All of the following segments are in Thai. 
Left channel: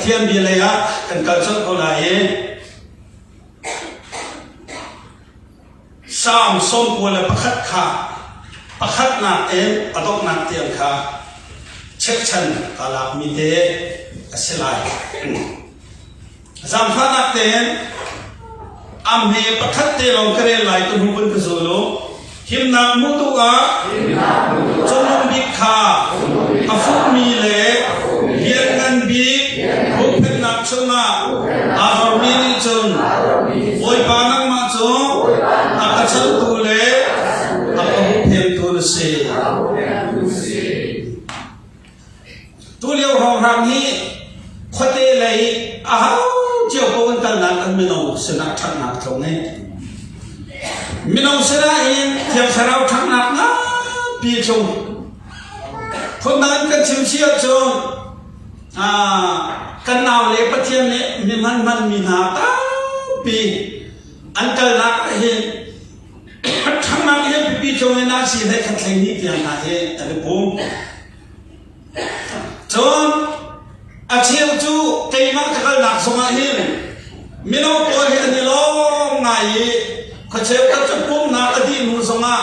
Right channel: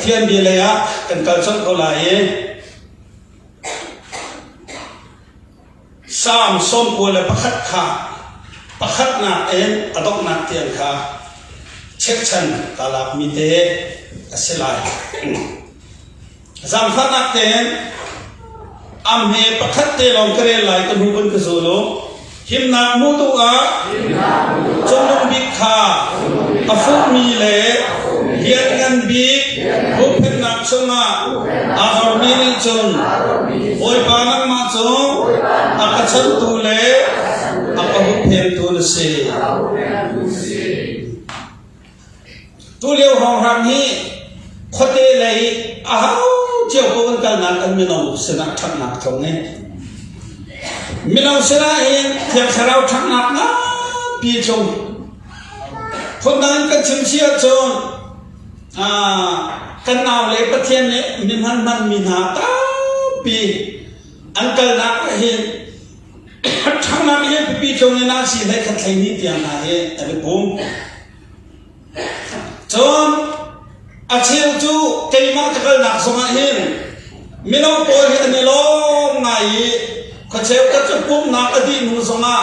เทียนบีเลยอะกันเกิดชนเขาไหลสามส้มกัวเลยประคัดขาประคัดหนักเอ็มกระดกหนักเตียงขาเช็คชันกาลับมีเดสลายสามสักหนักเตียงอัมเฮประคัดเตลองกระเรลายตัวหุ่นกระสุลุหิมนักมุตุอาจนลงบิคากระฟุมีเล่เบียนกันบีบุพเพนักสมาอาหารมีนิจนโอยปานักมาจงอากัจจตุเล่อาบุพเพตุลสีตุเลียวหองรำนี้พอเตเลยอ้าวเจ้าพวกนั้นนั้นมีน้องสนักทักนักตรงนี้มินเอาเสียเองเที่ยวเราทั้งนักนะปีจงคนนั้นก็ชิมเชียจงกันเอาเลยประเทศนี้นี่มันมีหน้าตาปีอันเกิดนักเห็นทั้งนักเห็นปีจงนี่น่าสิได้ขัดใจนิดเดียวนะเห็นแต่ผมจงอาเชียวจูเกี่ยมาจะเกิดนักสมัยเห็นมินเอาตัวเห็นนี่ล้มไงข้าเชื่อว่าจะปุ่มนักอดีตนู้สมา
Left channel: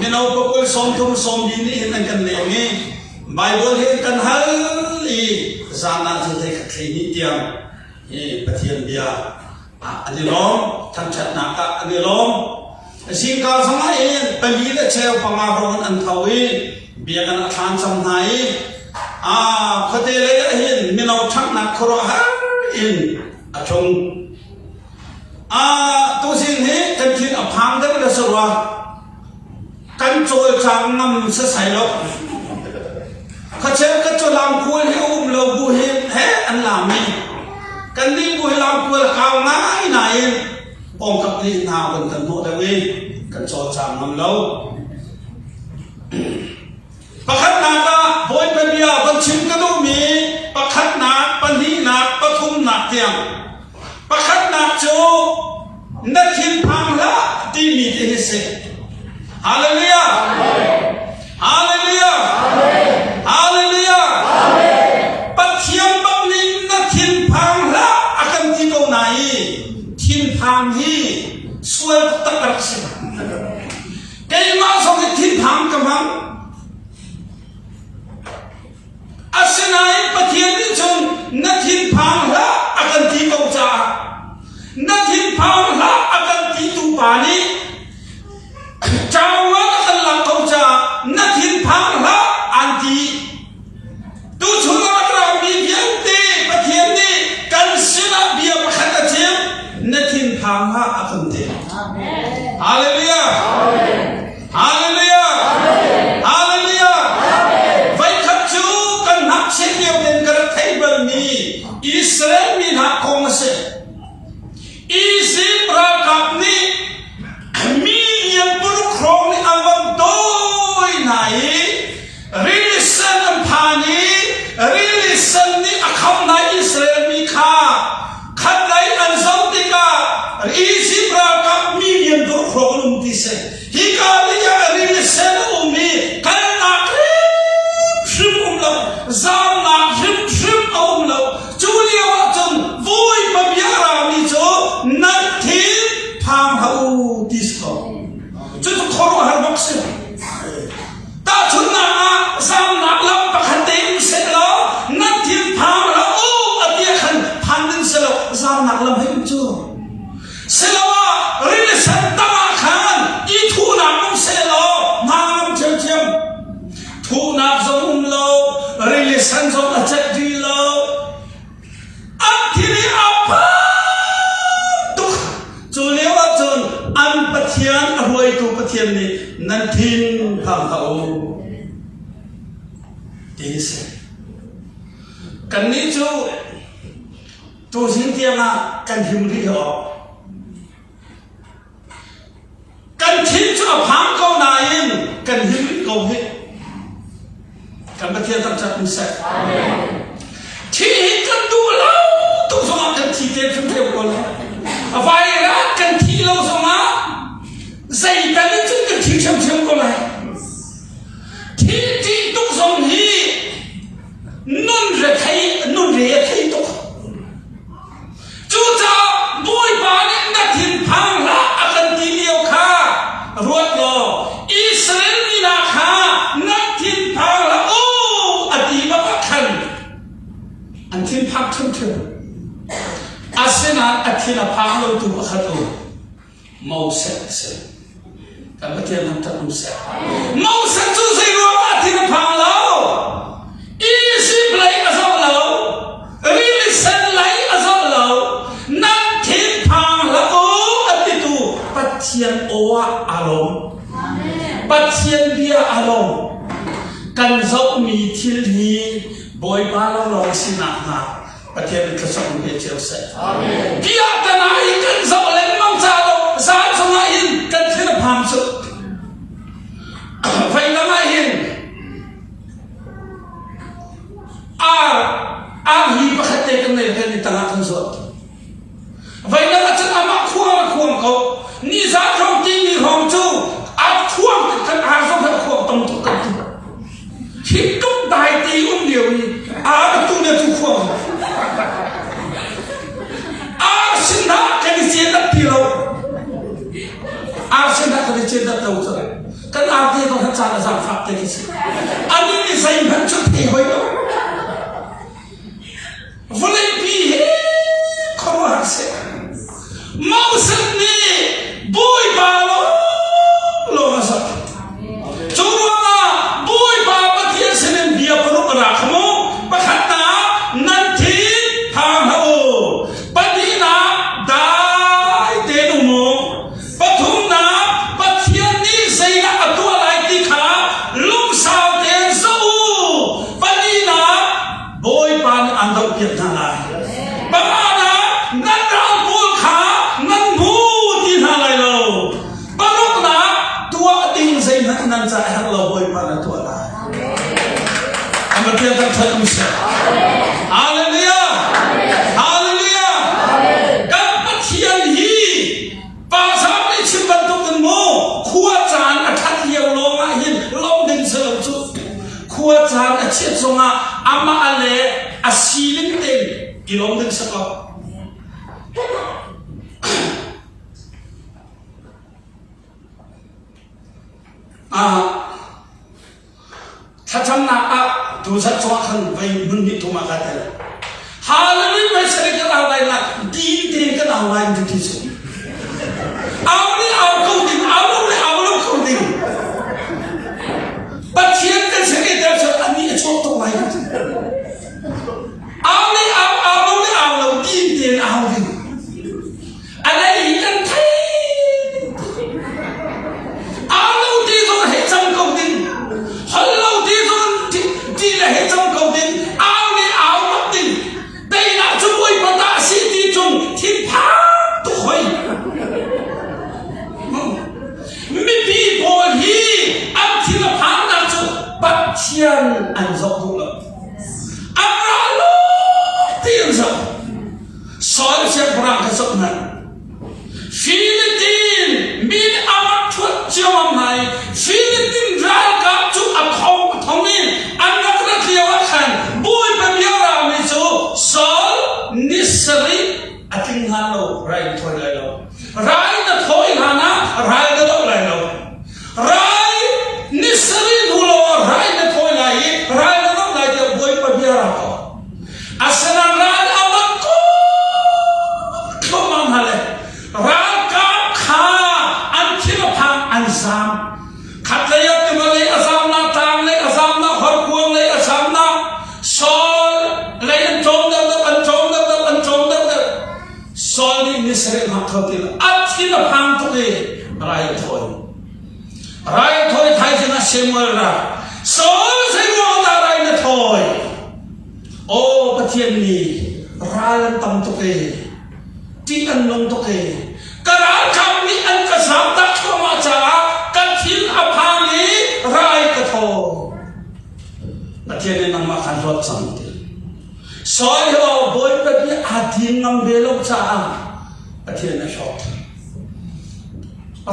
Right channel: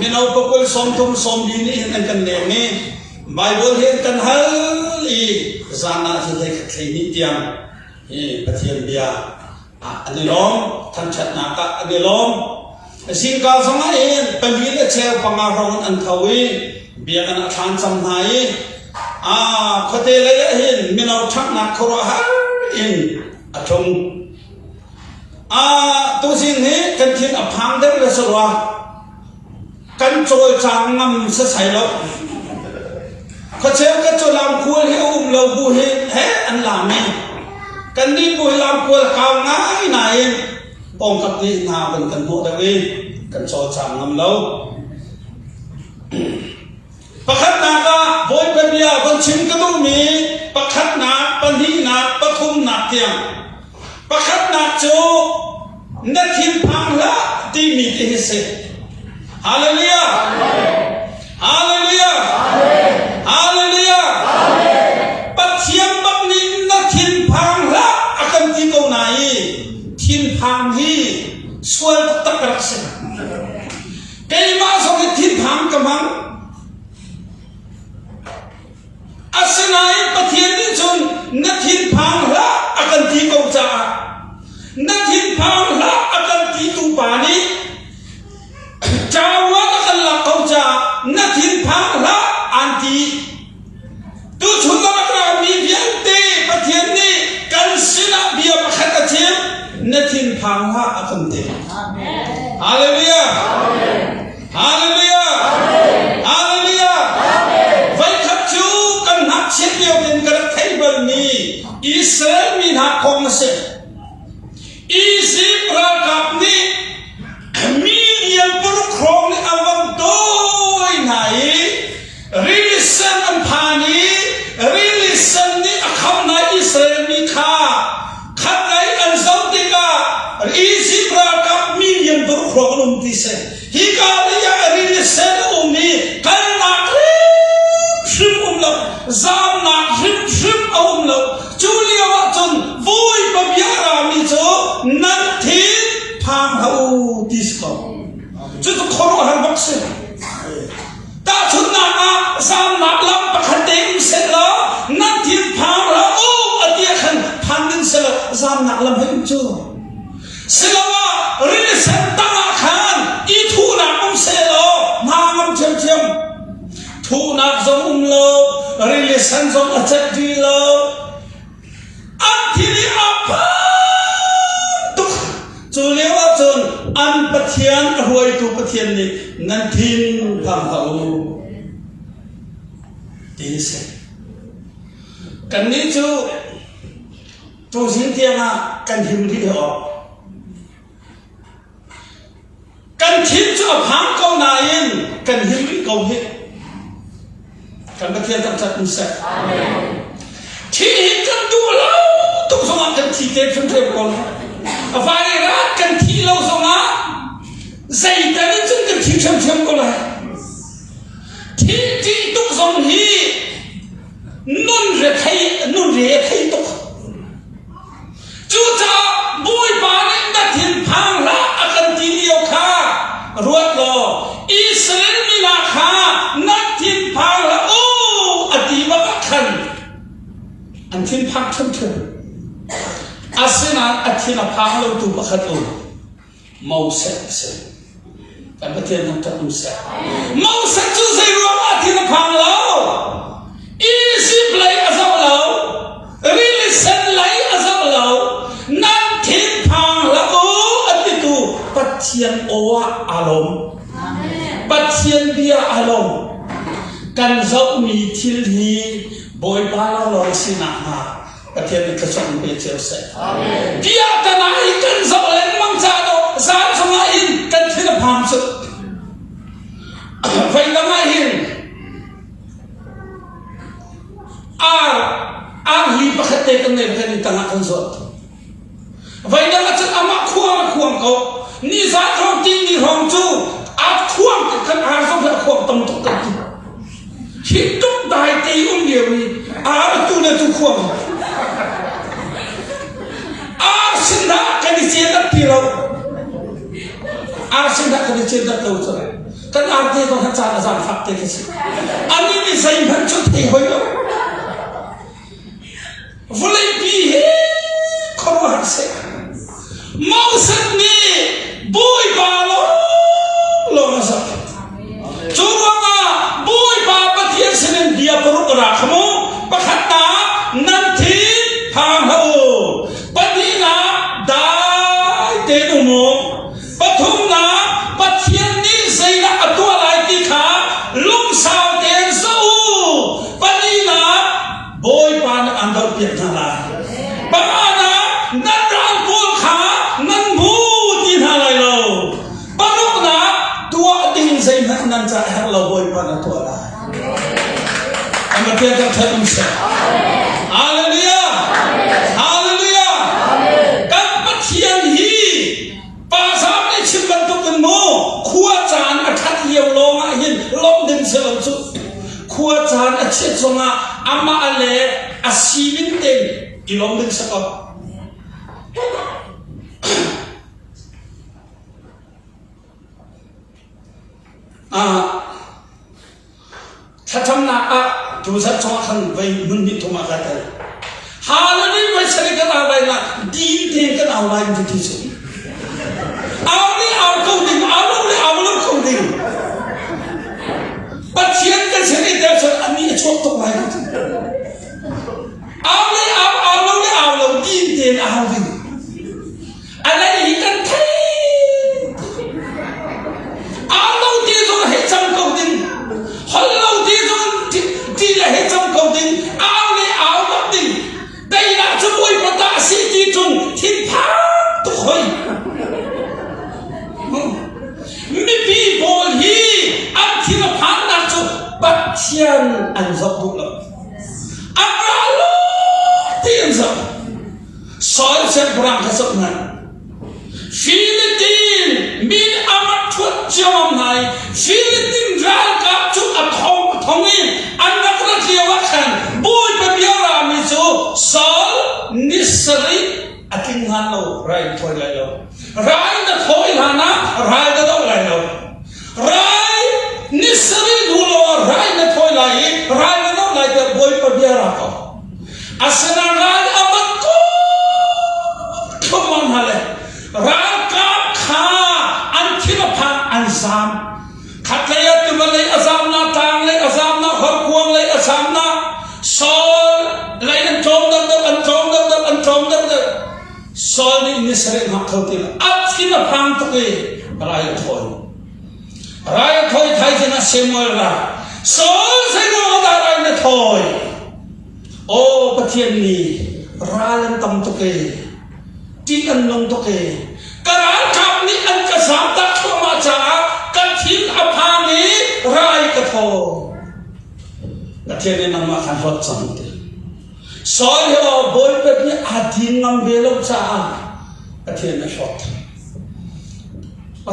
มินเอาปกติสมทุนสมดีนี่เห็นกันเลยงี้ไบเบิลเห็นกันฮัลอีจานาจะได้ขัดใจนิดเดียวนี่ประเทศเบียอันนี้ล้มทั้งชัดนักอันนี้ล้มสิ่งการสมัยเองเป็นวิธีเชื่อปังอารงอันทวีเบียกันทานสมัยข้าเตเลยเห็นมินเอาชักนักครัวฮัลอินกระชงตัวสิ่งนี้กันทิ้งพังได้เลยสุดว่ากันโจยจางนำเสียใส่ลบข้าเชื่อกันจะลำคุยให้อุ้มเราบุหิเฮอันลามีกันนี่บุหิลำคุยข้างง่ายไหนปองกับนี่นาเป็นกันโมดเวกันโจยจางนำเราประคัดนาก็โวยเป็นเบียร์คนชิมก็ต้องมีประคัดนาปนีนาปทุมนาเตียงประคัดนาโจนักขินพังละที่มีที่เสกฮาเลลูยาฮาเลลูยาฮาเลลูยาปัจเจียมบังนินนักขินพังละอาการที่ตรงไหนขินพังฮีสวยตะกรักษาเกี่ยมาสองขินพังกำลังอาศัยประเทศนี้จนนักขินพังละอาการที่ตรงจ่านักหินพังละอาการที่ตุปานีเจ้าว่ากันละเขาจะนักหินพังละอันที่ตุชุมาเรามีเพียงตีประเทศนี้กันสินะเบียบขัดเจียมนักหินพังละอาการที่ฮาเลลูยาฮาเลลูยาฮาเลลูยาไว้ขัดจูกันนักเสียเดียวเป็นกระเทยบมีอิสราเอลมีนักคงเสอีสิปรากับนี้มีเดียนปลุกครองในอันวันโดยไหนริลิสันอันพานีริลิสันนี้อาคำในอิสราเอลมีค่าขัดในอันสมติกาอีสิปรากับมีเดียนปลุกครองนุ่มที่เสฮิกาลียาริลิสันอุ้มมีกันนักชิมอุ้มเราจามนักชิมอุ้มเราจูเลียว่าจนวุ้ยแบบยารามีโจนักทีพังเขาดิสก์จุดทอร์หันบักเซ่ตาชุนนักสามนักลำประคันเต็มเสร็จแล้วนักทีพังแล้วโอ้อดีตขันพันดินเสร็จแล้วสามนักลำให้มันจูเสร็จแล้วว่าริลสันตาขันอีทูนักมันเสร็จแล้วนางมันเจียมทูนักจงอุ้มโลริลสันจงอาจจะดีโลที่นี่อับตุกจุเลี้ยวจนอันปะเทียนรวยตัวปะเทียนนี่นั่นทิ้งทำเขาดีเสียกันนี้จูสิ่งเทียนกันหิมที่ออกกันคิดจูพังเขาไหนกันหิมที่เขาเห็นกันปะเทียนต้องจับมือใส่ที่เห็นกันดูแล้วทุกสมัยกันที่เด็ดชุ่มเทียมกันไฟรักกันที่เราสมัยใจกันนี่จุดกันที่ชุ่มเทียมกันเลยที่ทุกสมัยนุ่นเรียกใครตุก thiên pháp thân thường asena athina phang lo tu pakhat o mau se kan pathian nam takum se mau se chu sei ro athina phang lo easy play asol lo really sen lai asol lo nan thiên phang lo o atitu pathian owa alom pathian dia alom kan zau mi thil hi boy ba lo sina na pathian ka song be cheu se amen dia kana I kan zau len mang cha do sa chunga in kan thina pham chu vai la mai hin ar hi pakhate kan ne kan ta na kan zo vai la cha ama khuang ko ni za khong tin ni hong chu a khuang kan a zo ka khuang tom to kan khi tung đại tỷ điều tu ne tu khuang xin đã cái gì chết đất thì lâu xin đã cái gì chết đất lâu rồi cái thì còn thật ra là giảm phạm thế cái gì anh ấy đi dành hơn chút thì hơi đâu vô lên bi không hẳn sẽ mau sinh đi bùi bà lo mà sao chú mà bùi bà bắt thiên sinh em bia bơ rút ra không bắt hạt na nan thiên tham hậu bắt đi na đại tên ông mồ bắt thùng na bắt thiên đi xây ra tua lại tí khá lúc sau tên sâu bắt đi na bùi bà nó ăn đâu biết ra là bà na nan rau bùa khá nan bù tin hà lại lâu bắt lúc na tua tin xây nan nan chạy hà lâu bùi bà nó tua lại anh mà tiên tâm thật sẽ Hallelujah Hallelujah các bất thiên hi ba sao lại chim bắn tung bên mô khua chán ở khát nhiều lo ngại hin lom đình sợ lắm chút khua chán ở chết trong ama ale asilin tên thì lom đình sợ lắm thật chăm nạp tu sát cho khăn về mình đi thùng mạc thế Hallelujah về sẽ cái nào đây là đi đến cái nào đây thì chứ áo đi áo câu đình áo lâu câu đình bắt chiến cái sẽ đi theo sự anh đi chỗ tụng này áo lâu đi đến áo đình anh ấy đi cần thấy áo lâu đi rồi hết trăm câu đình hơi lâu đi rồi đi là hết trong cầu tình áo bất tình đây là chúng tôi bắt ta sĩ đi chung thiên phá thôi mi bị bồi hi ăn thiên là phá nặng cho bắt thiên ăn dọc đủ lắm ăn ra lô tiền dọc soi xem bram cái dọc này Philippines min amat thuận chom này Philippines ra gặp chú ập thông in anh nó có điều khăn bùi bèm yêu ra mình chú sol nisri ating ngalo rai thôi lại lo rai na thôi hana rai đó lại lo rai nisri dulo rai na thôi lại rai na nó lại được bùi bèm yêu ra ko asana rai amat ko không ăn hale rai ka kha ăn khi nó phang ăn sam khát lấy cái mà lấy azam na tang lấy azam na hợp quang lấy azam na sol lấy ăn trống đâu sol đi như sẽ học thâu tiền ắt khi mà phang thôi rai thôi thay cho nó xem mơ ra sol sẽ mua ra rai nó thôi ô cái thiên này ra lên tâm thôi chỉ ăn lông thôi cái ra tham ní ăn cái sao ta không mà trả cái thiên áp hàng ní rai cái thôi cái thiên này nằm ở khăn rót xong soi ho bôi cái bị adin ngam về lâu cha cái thiên này rót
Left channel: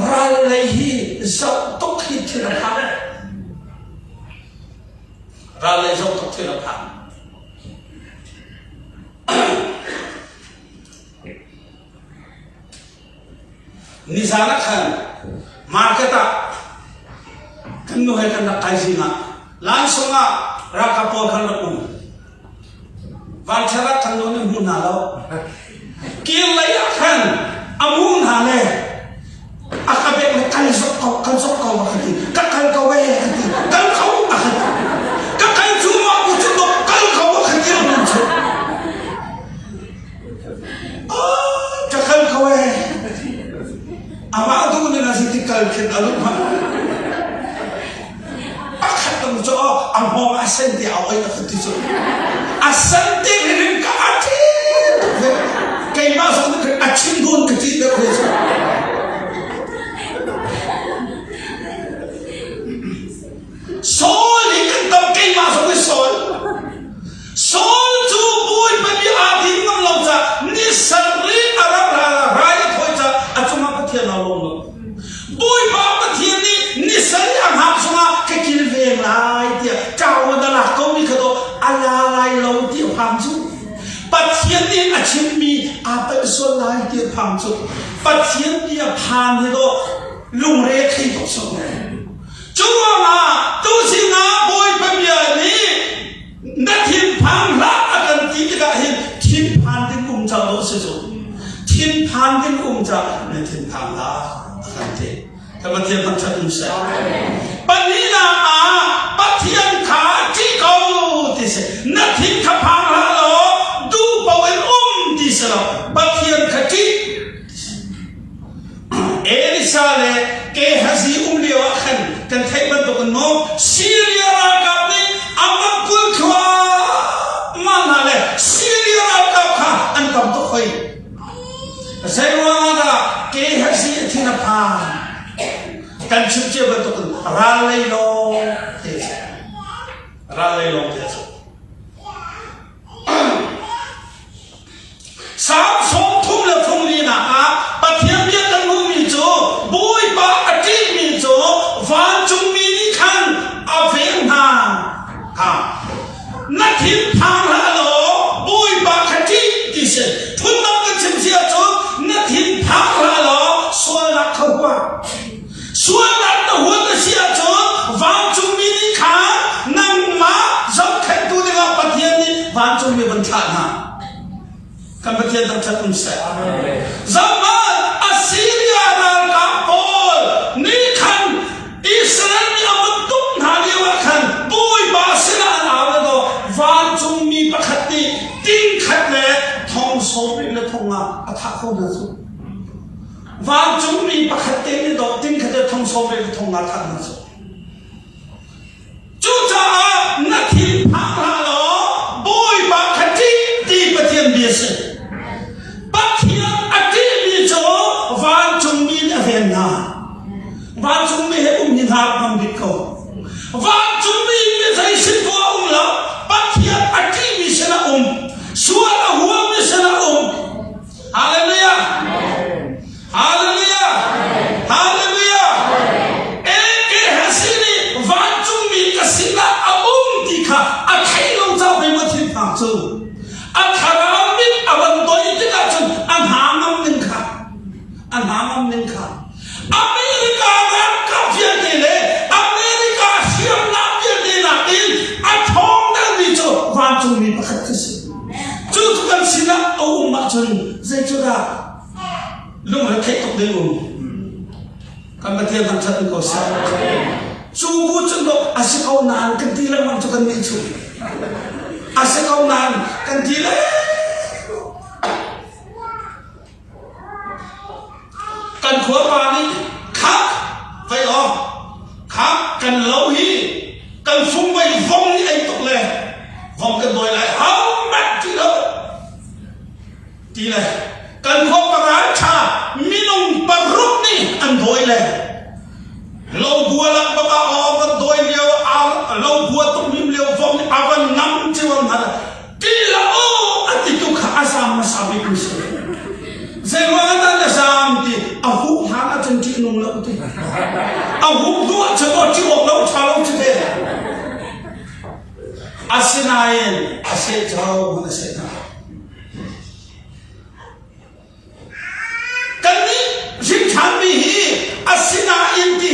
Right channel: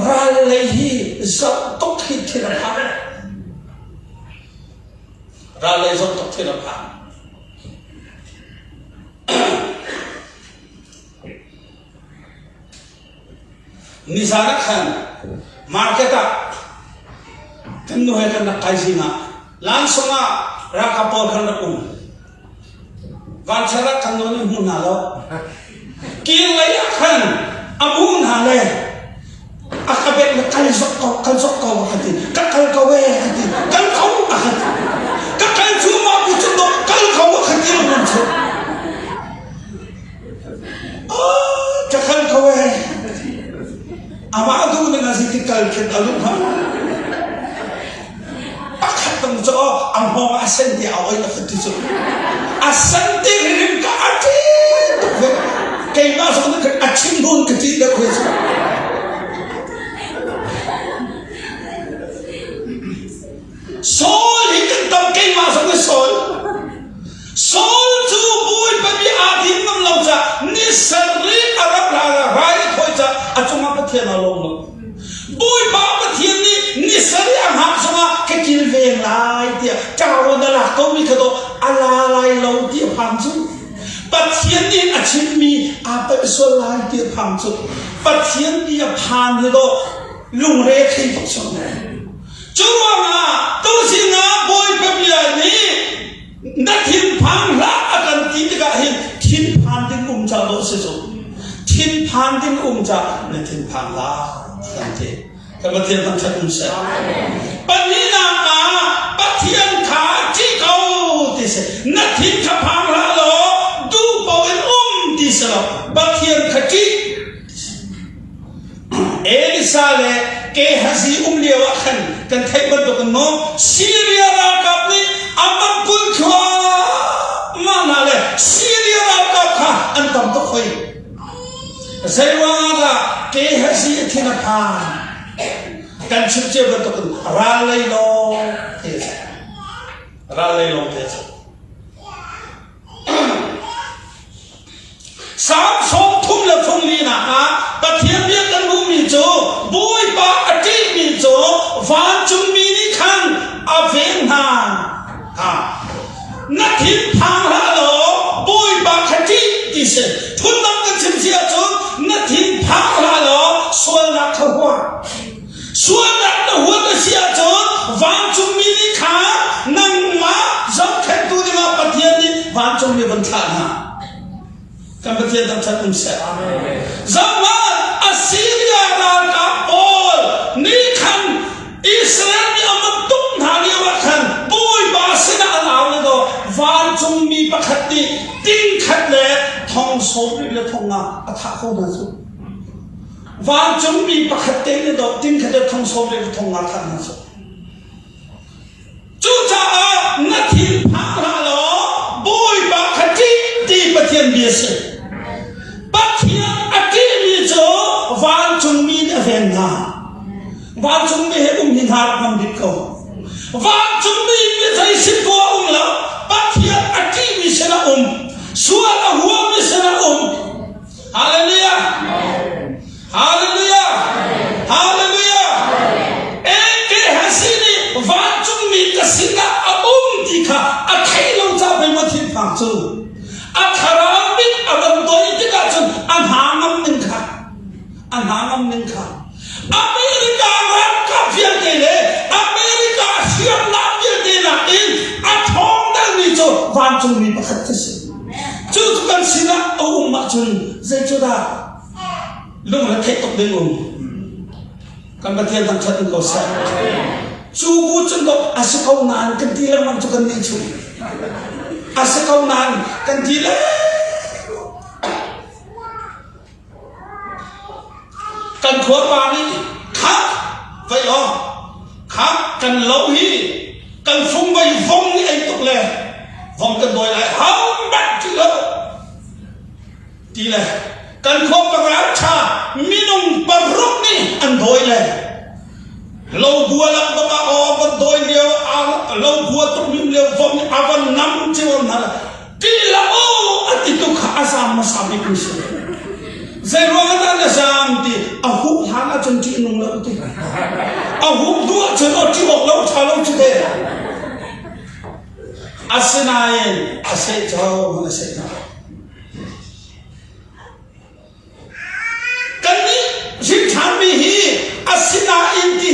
rai lấy hi dọc tốc hi thiên là phàm rai lấy dọc tốc thiên là phàm Nisana khan marketa kan no hai kan na kaisina langsung raka po khan na van chara kan lo ni mun na lo ki lai akhan amun ha le akabet le kan sok ko khati ka kan ko we khati kan khau khati ka kan chu ma bu chu ko kan khau khati lo mun chu ka kan ko we ama du ni na si kal kin alu ha akhatam jo am ho asen ti awai na khati chu asan ti rin ka ati kai ma so ka achin bun ka ti da chu Sol hikan tam kay masok ni Sol. Sol chu boy pati atin ng lauta ni sarli arab rai khoi cha achuma pathian along. Boy ba pathian ni sari ang hapsuma ke kilve lai dia kaw da la ko mi kado ala lai lo ti pham chu. Pathian ni achin mi apa Sol lai ti pham chu. Pathian ni pham ni do lung re khai to so. Chúa mà tu sĩ ngã bôi bầm giờ ní đã thiên phang lá akan tí cái hình thiên phang đến cùng cha đó sử dụng thiên phang đến cùng cha nên thiên phang lá akan thế các bạn thiên phang cha cũng sẽ bạn ní là bắt thiên khá chỉ câu thì sẽ nát thiên khá phang lá đó du bảo em thì sẽ là bắt thiên khá chỉ Elisa le ke hazi liwa khan kan thai ban to kan mo Syria ra kap ni amat kul khwa mana le Syria ra kap kha an kam to khoi sai wa da ke hazi thina pha kan chip che ban to kan ra lai lo te sam som thum la thum ni na pathian bia kan mu mi cho boy ba ati mi cho van chung mi ni khan aveng na ha na thim phang la lo boy ba khati ti se thun nam kan chim sia cho na thim phang la lo sual na khwa sual na to hu na sia cho van chung mi ni khan nang ma zam khan tu ni la pathian ni van chung mi ban tha na Kambatian tak catum saya. Zaman Assyria dan Kapol ni kan Israel ni amat tung hari wakan boy bahasa na awal do van chung mi pakhati ting khat le thong sobri le thonga atha ko da su van chung mi pakhati ni do ting khat le thong sobri le thonga atha na su chu cha na thi pha la lo boy pakhati ti pathian bia se Van chung mi he hin har pam dit ko van chung mi thai sit ko la pathia ati mi sela suala huwa mi sela hallelujah hallelujah hallelujah ke hasini van chung mi kasila dikha athai long cha be ma thin pa chu athara mi aban doi tika chu an hangam nin kha Amerika kan kafir kele Amerika siap nak jadi nakin atom dan itu wajib ni pakai kesini. Jadi kan siap mak jun saya sudah lu nak tok dengan kan berarti yang saya engkau saya. Subuh jengkok asyik kau nan kentilan macam kan itu. Asyik kau nan kentilan. Kan khua pani khắc vậy không khắc cần lâu hi cần phung vây vong như anh tục lệ vong cần đòi lại hóng bát tí lệ cần khua bà cha minum paruk ni anh đòi lệ lâu bùa lắc bà awan đòi liêu lâu bùa tục mìm liêu vong awan ngắm chiêu hả tí là anh tí tục khá sao mà sao đi cứu sự Zengwatan na samti ahuk hana chanti nung lau tu ahuk dua chemo chiwok lau chalong chute asinayin ase jauh mana sena kani jikami hi asinayin ki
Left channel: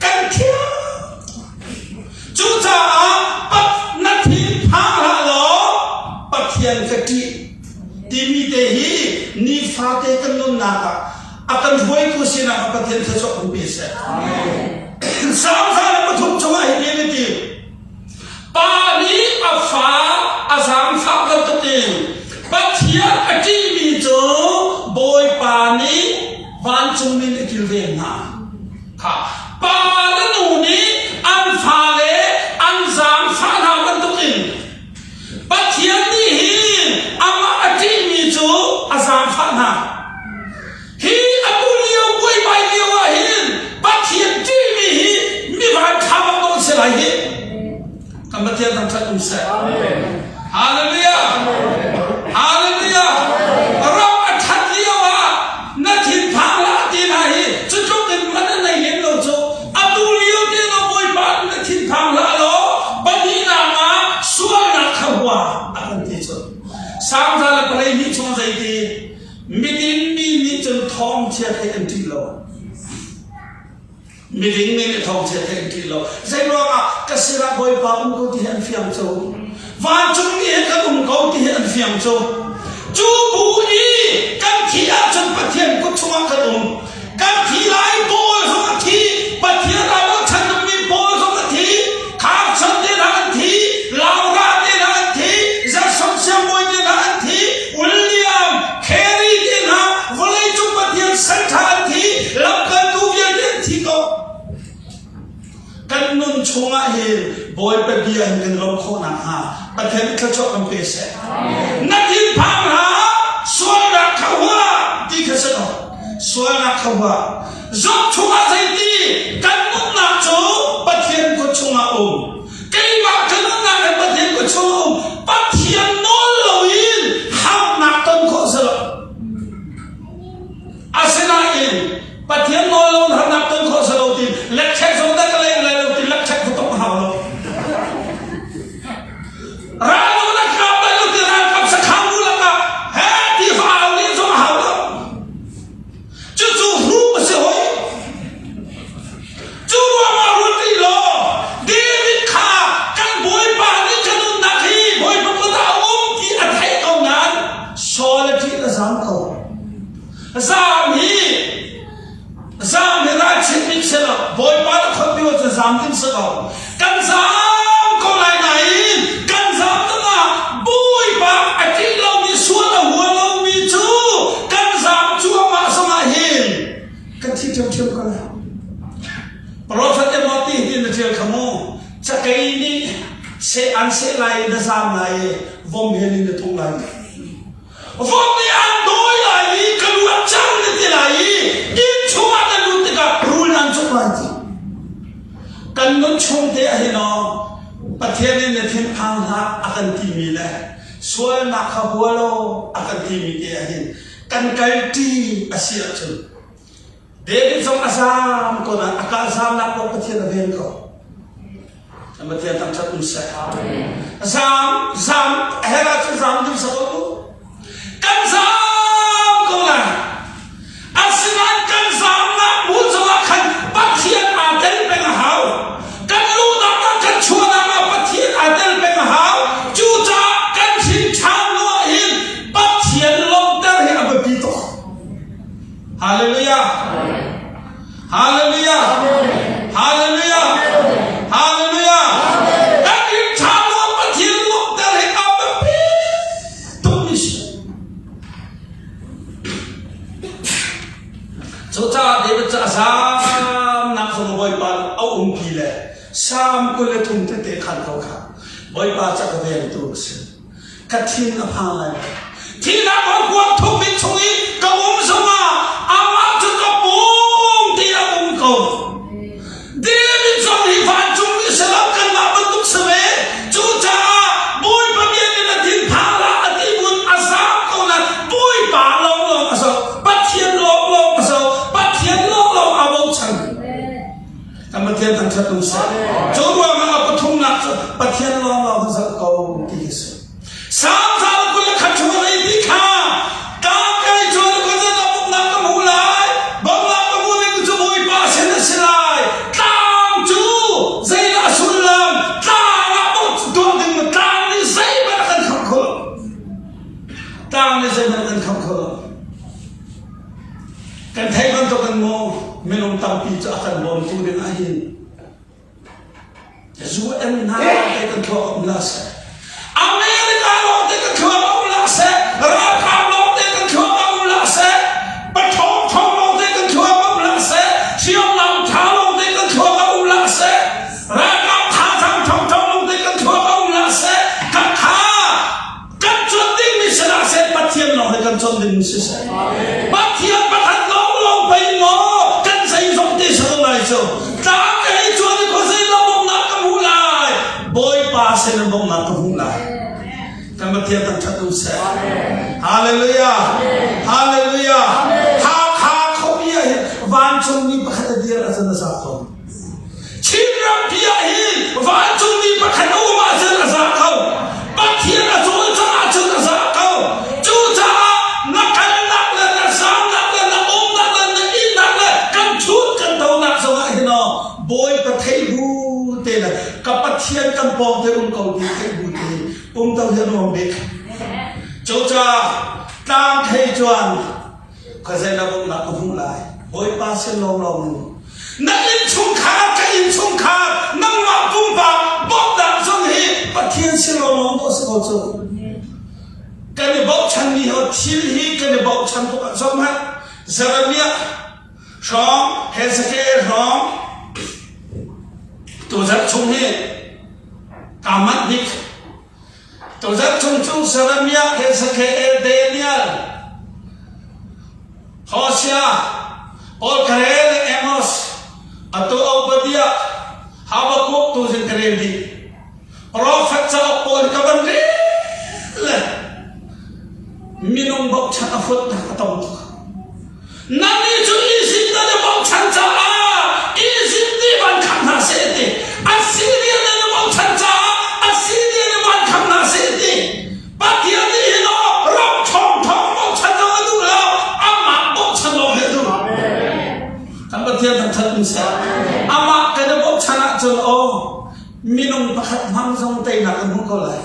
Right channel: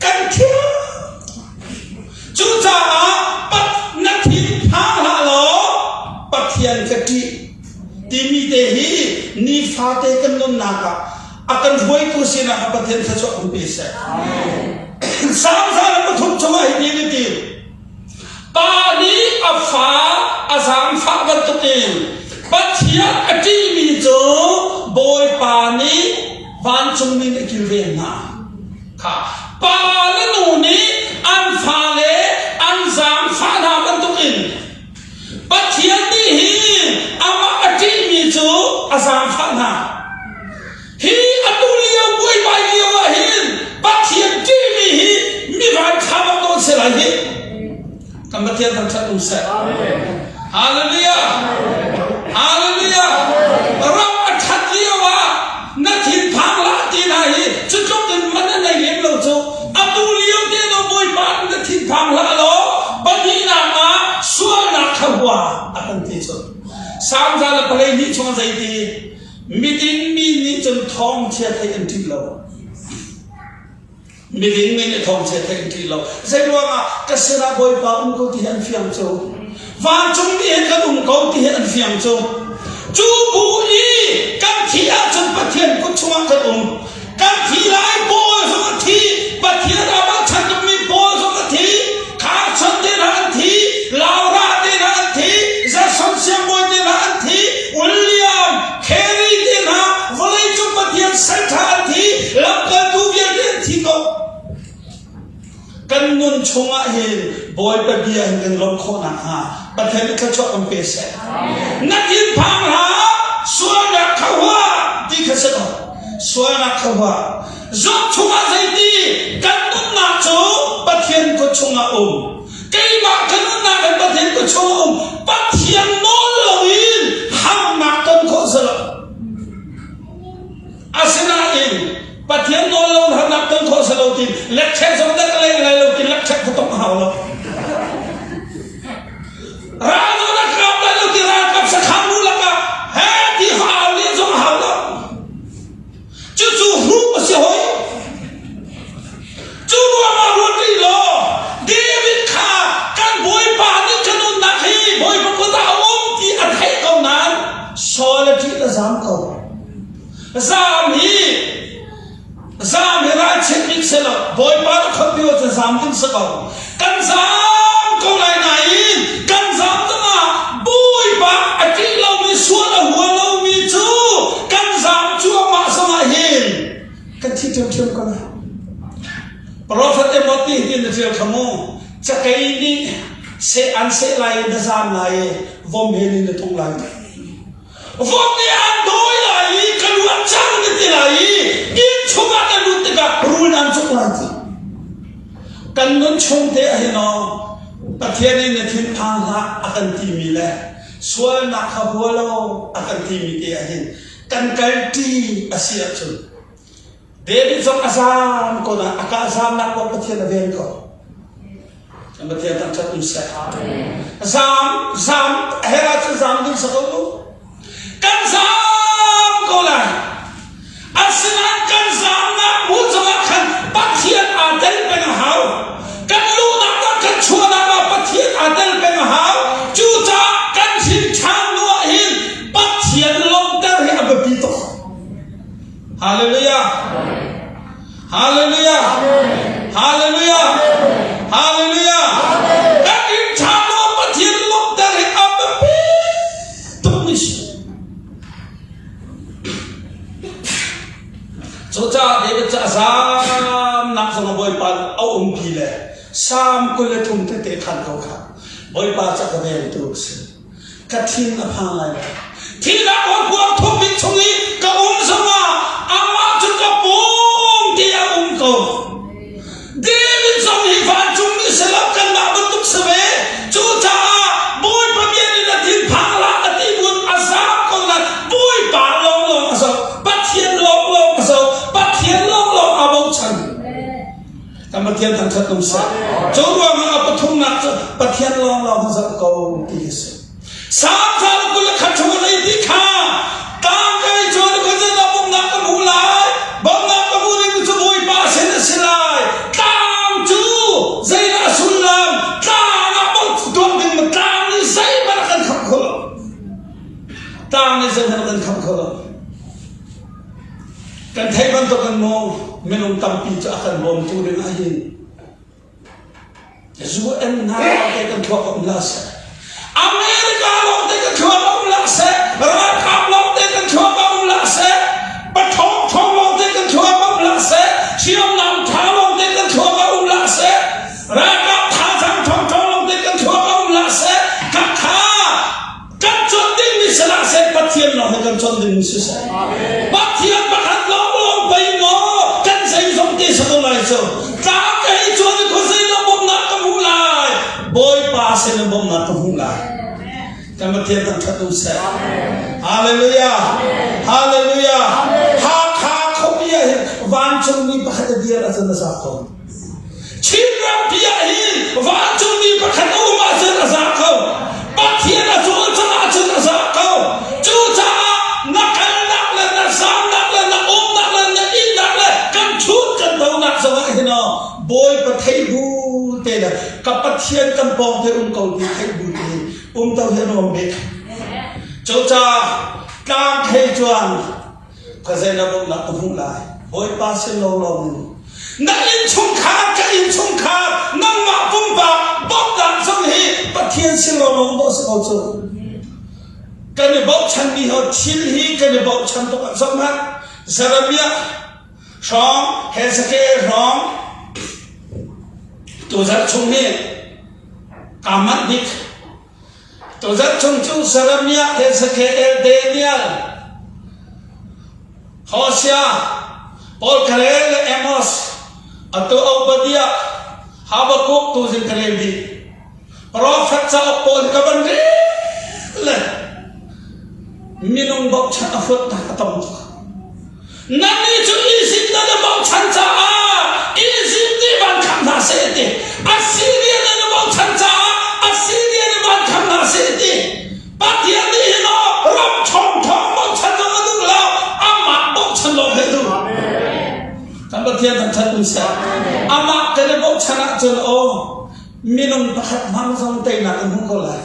kan thia chucha pat nathi phang la lo pat ทียนกติที่มีเตหีนิฟาเตกันนนนักอาการรวยกุศิลป์ประเทศเจ้าอุปเสกสามสารพัดทุกช่วยให้ดีดีปานีอัฟฟ้าอาสามสามวันตุติปัจเจียกติมีโจบอยปานีวันจุงนี้กิลเดนนาค่ะปาลนูนี้อันฟ้าเลอันสามสารวันตุติปัจเจียนี้อามาอติมีโจอาสามสารฮีอัตุเลียวกุยไปเลียวอะฮินปัจเจียที่มีมีวันทำมาโดนเสียไหลฮิกำลังเทียนตั้งแต่อุ้งเสกฮาเลลูยาฮาเลลูยาเราอัจฉริยะว่านักทินพังละที่ไหนจะจบเป็นมันในเห็นเราจูอัตุเลียวที่เราบอยปานนักทินพังละโลบัดนี้นามาส่วนนักขวาอันที่สุดสามสัปดาห์นี้ช่วงใจดีมิดินมีนิจนท้องเชียร์ให้อันที่เรามิดินมีนิท้องเชียร์ให้อันที่เราใจร้องกษัตริย์บอยปานก็ที่อันฟิยมโจวันจงที่กันก็ที่อันฟิยมโจจูบุอีกันที่อาจจะปะเทียนก็ช่วงกันกันที่ไล่บอยสมัติปะเทียนเราฉันมีบอยสมัติขาดฉันที่รันทีลาวราที่รันทีจะสมเสียบอยที่รันทีวิลเลียมเครีที่นะวลัยจุปะเทียนสังขารทีลับกันดูเวียนที่ก็กันนุ่นชงอาเห็นบอยไปเบียนกันลงโคนังฮะประเทศนี้เขาชอบกันเปเสนักยินพังหาส่วนนักขวาที่เขาเสนอส่วนนักขวาจบชงอาใจดีกันนุ่นนักโจประเทศก็ชงอาเกี่ยมากันนุ่นนักกันประเทศก็ชงประเทศโนลวินห้ามนักต้นโคเสลอาเซนาอินประเทศโนลวินห้ามนักต้นโคเสลตินเล็กแค่สมดักอะไรอะไรเราตินเล็กแค่ก็ต้องหาเราราโนนักขับแล้วที่รากับสักคำนู้นละก็เฮ้ที่ฟ้าเอาเลี้ยงสมหาเราจู่ๆรู้มาเสียหอยจู่ๆมารู้ดีโลเดวิดข้าการบอยปานี่ขนุนนักฮีบอยพระพุทธองค์ที่อัฐิเขานั้นสอนที่ละสามเขาสามฮีราชนิกเสละบอยปาเขาพิวจะสามทิ้งสักเอากันสามเขาไหนกันสามตั้งอ่ะบอยปาไอ้ที่เรามีส่วนหัวเรามีจูกันสามชั่วมาสมาหินกันที่เที่ยวกันนะเพราะสัตย์บอกที่ที่นั่นเที่ยวขโมยจะใครนี่เสอันเสไลน์สามไลน์วอมเฮลินทุ่งไลน์วอมนี่อันโดยไลน์กันวัดจังนี่ที่ไลน์อินชัวนั่นรู้ติกับรูนันชุกไลน์กันนุ่นชงเตะให้น้องประเทศนี้เนี่ยทิ้งทางละอาการที่มีแหละส่วนนักขับวัวเราอาการที่มีเตะให้กันกันที่อาเซียนชุนเดวิดส่งอาสามคนนั้นอากาศสามนักว่าประเทศละเดียนก็ประเทศตั้งแต่อุ้งเสกสามเฮรัชสามดิ้งสักคนกันสามคนนั้นอาศัยกันสามนักบุญสมัครประเทศอาเดลเป็นหาวกันรู้นักกันชัวนักประเทศอาเดลเป็นหาวจู่จ้ากันชิงช้างนัวหินประเทศลงเดินให้อับปีโตฮาเลลูยาฮาเลลูยาฮาเลลูยาฮาเลลูยากันชิงช้างนัวประเทศลงเดินให้อับปีโตมิชจู่จ้าเดวิดจะสามนักสมบูรณ์ปันเอากีเลยสามคนเลยทุ่มเตะขันเขาขาบอยปาจากระเบียงตัวสิกัดทิ้งอภังเลยที่นักวันกวางทุ่มมิชุนีกับสมาอามาจุกับปุ้งที่เขาเดวิดส่งให้ฟันจุนีสลับกันมาบรรทุกเสวจู่จ้าบอยปาเย็นในทิ้งพังละที่บุญอาสาเขาเลยบอยปาลงอาสาปัดเทียนลงอาสาปัดเทียนลงอาบุชันกำลังเทียนทางเชิดนุ่งสายจู่ว่ามันเอาปทุมนักปัดเทียนลงทั้งสักเขาที่สุดสามสาวกุลขัดชวนไอ้ที่ข้ากางไก่ชวนก็จะนับนับกับผู้ลายบังนับกับผู้เล่นจะบุยป้าเส้นเสลายตามจูใจน่าสุลลัมตามนับตัวดึงตามนี่ใส่มากันขับคน tang ni zen kan kham kholo kan thai ban to kan mo minung tam pi cha kan bom tu rin a hin zu en na te kan thua om la se America lo te kan thua om la se ra kam lo te kan thua om la se pa thong thong lo te kan thua om la se siom nam tha lo te kan thua om la se ra kam tha thang thong thong lo te kan thua om la se ka kha kan chon ding mi sa se pa thiam lo he kan chon ding mi se pa thiam pa khat lo lo pai mo kan sai som te sa lai so ta ke chon ko sai lo bom na ka mu lai boy pa se lo bom na ka mu lai kan ma thiam tan that u se hallelujah hallelujah ha kha kho ya van chung mi pa khat dia ra sa sa ko chin ram pia hi van chung mi pa khat u ma sa sa ko pa thiam na chu cha cha sa ko chu cha na kan na le na sam na le na om na le na in na le kan chut kan do na sa wa hi no boy pa thai bu te na ka pa thiam kan pom te ko bi thai bu te tao hiện hồn bị chỗ cha cam hay chuan cái gì là bông lạc cũng lại bôi ba xin lâu lòng nãy in chung khá cái in chung khá năm ngọc cũng vào bóc đạn xong hi và thiên xin lâu lòng đó sẽ có chỗ cái này bóc chân đi họ chín hi cái này bóc chân tôi xong hết giờ là biết xong hết sẽ cái xong tôi rất chung hi cảm mắt đi tôi rất chung chung Saramia Hezekiel Daniel Hosea Paul Karel Amos atau Obadiah Habakuk tu sin Kareli Prophet sa Paul kaban le minung bok chan afut na katom nani chu isim na bok chan cha isim di ban kham na se te Assyria na bok chan cha Assyria na ban kham na se te patia ni no ram thong thong bok chan na du la ama bok chan lo he du kan patia tan chan sa ama ka de bok chan chon o minung pakhat mang song te na kan ko lai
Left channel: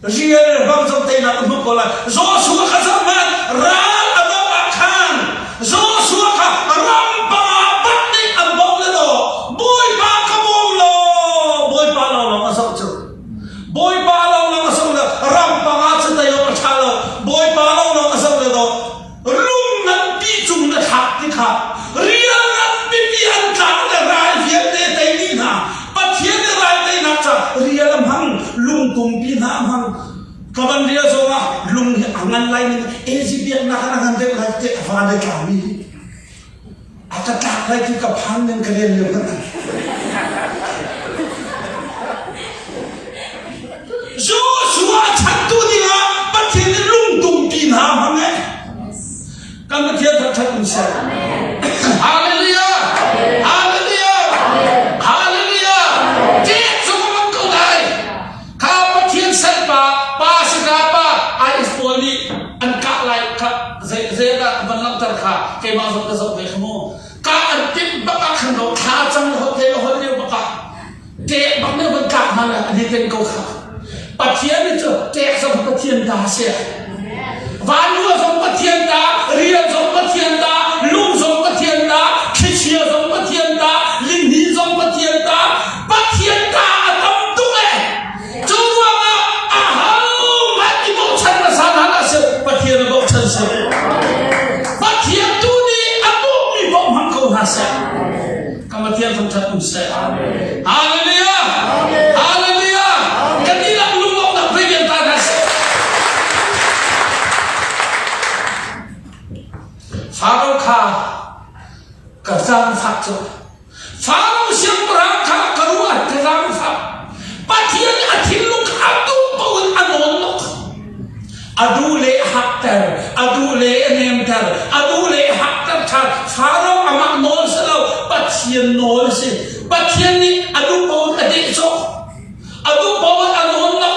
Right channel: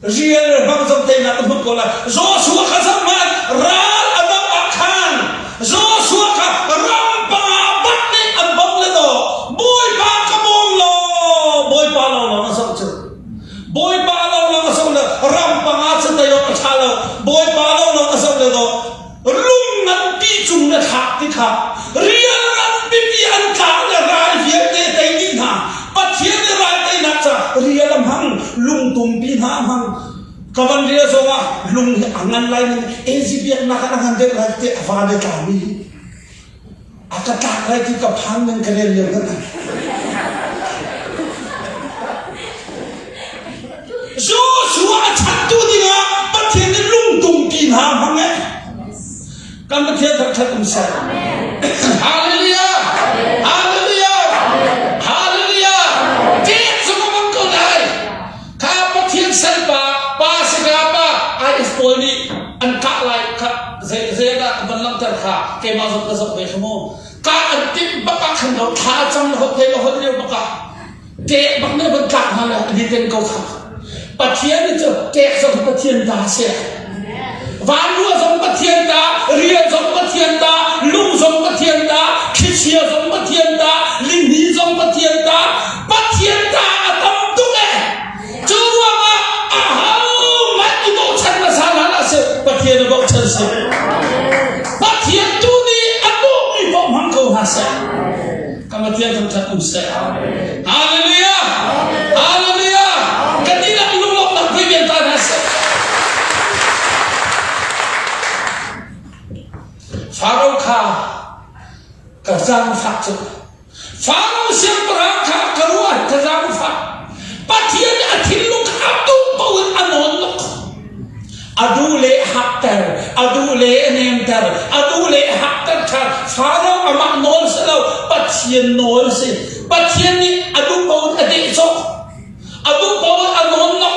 riêng bang song te na kan ko lai Joshua ka sa man ra adam akhan Joshua ka ram pa bat ni am bok le do boy pa ka bong lo boy pa lo lo ma song chu boy pa lo lo ma song le ram pa nga chen de yo ma cha lo boy pa lo lo ma song le do lung nam pi chung na thak ti kha riêng nam pi pi an ka le rai hian te te ni na pa thian ne rai te na cha riêng lam hang lung tum pi na hang kaban dia so wa lung angan lai ni ezibiak na kan han de lai te fa de ka mi aka ta lai ki ka phan nen ka le le ka Joshua chat tu dia pa thian ne lung tum pi na hang ne kan ma thian thak thak sa hallelujah hallelujah hallelujah Jesus mong ko lai ka pa thian sa pa Sigapa ai expoli an ka lai ka zeda banlam tar kha ke ma so ka so be khmo ka an tim ba ka khan do tha chang ho te ho le ba ka te bang ne ban ka na ni ten ko kha pathian ni cho te so pathian da se van lu so pathian da ria so pathian da lung so pathian da khisia so pathian da lin hi so pathian da atam tu e chu wa ma pathian bok chan se pathian tu ni abu ni bok hang ko ha se kamatian thong that um se hallelujah hallelujah kadila lu bok na pegen ta ha se Pharaoh kha ka zam phak chu Pharaoh siam pra kha karuan ka zam phak pathian athil lu kha tu ko anon no adule haktar adule nemtar adule haktar tha Pharaoh ama nol selo pathian nol se pathian ni adu ko adi so adu ko anon no